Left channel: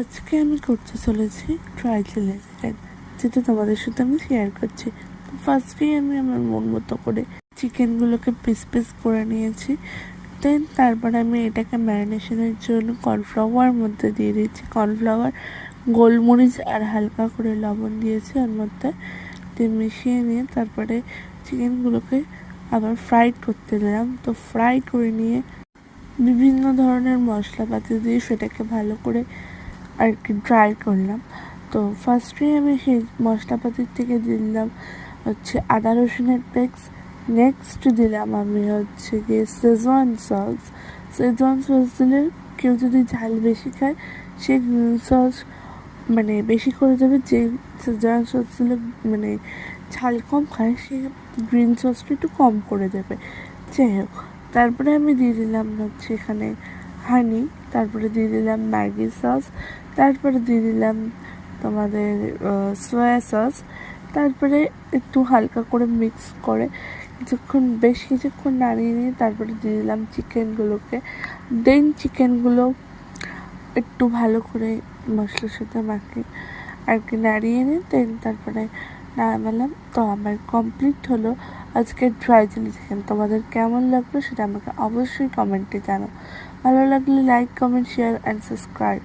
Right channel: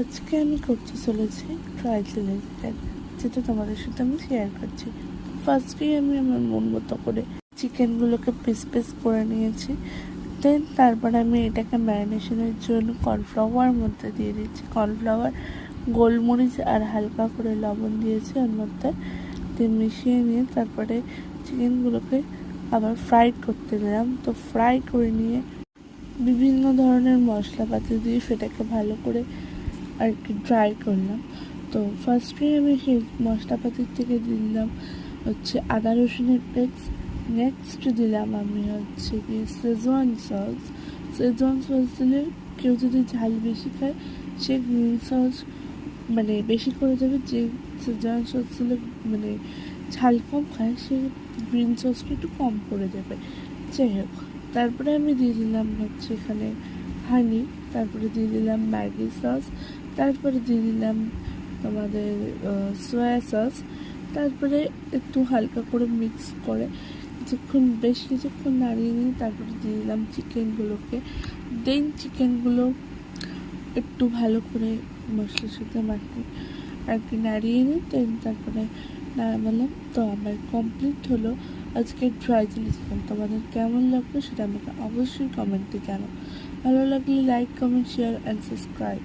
আজকে আমি করতে চলেছি ড্রাই চিলি চিকেন, যেটা তোমাদের সাথে আমি শেয়ার করছি। ফার্স্টেই আমি আমার মন মতো করে চিকেনগুলোকে পিস পিস করে নিয়েছি। দেন তারপরে আমি এটাকে ম্যারিনেশনের জন্য কর্নফ্লাওয়ার মধ্যে দিয়ে দিচ্ছি। কর্নফ্লাওয়ার, গোলমরিচ আর হালকা করে লবণ দিয়েছি ওর মধ্যে, দিয়ে মিশিয়ে নিয়ে তারপরে চিকেনগুলোকে আবার ফ্রাই করতে দিলাম। তো ফ্রাই করে নিয়ে বিভিন্ন ধরনের মশলাপাতি দিয়ে সেটাকে ভালো করে আর কি ড্রাই করলাম। তো ফার্স্টেই আমি সেই মশলাপাতির থেকে দিলাম হচ্ছে আদা রসুনের পেস্ট। নেক্সট দিলাম আমি হচ্ছে গিয়ে শেজওয়ান সস। শেজওয়ান সস দিলে কেউ যদি ঝাল বেশি খায় সে গ্রিন সস মানে বেশি করে দেবে, যে শেজওয়ান সস দিলে মানে ঝাল কম খায় সে গ্রিন সসটা একটু কম করে দেবে। যাই হোক, তারপরে আমি দিয়ে দিলাম হচ্ছে এখানে হানি, তারপরে দিয়ে দিলাম ম্যাগি সস, তারপরে দিয়ে দিলাম তোমাদের সয়া সস। তারপরে একটু হালকা করে মিক্স করে বেশ কিছুক্ষণ নাড়িয়ে নিয়ে তারপরে দিয়ে দিলাম চিকেনগুলোকে। দেন চিকেনগুলো একটু ভালো করে মশলার সাথে মাখিয়ে আর কি নাড়িয়ে নিই। দেন তারপরে নামালাম। তো আমার কমপ্লিট হলো আজকের ড্রাই চিলি চিকেন। তোমাদের কেমন লাগলো সেটা আমাকে অবশ্যই কমেন্টে জানাও। ভালো লাগলে like, comment, share and subscribe.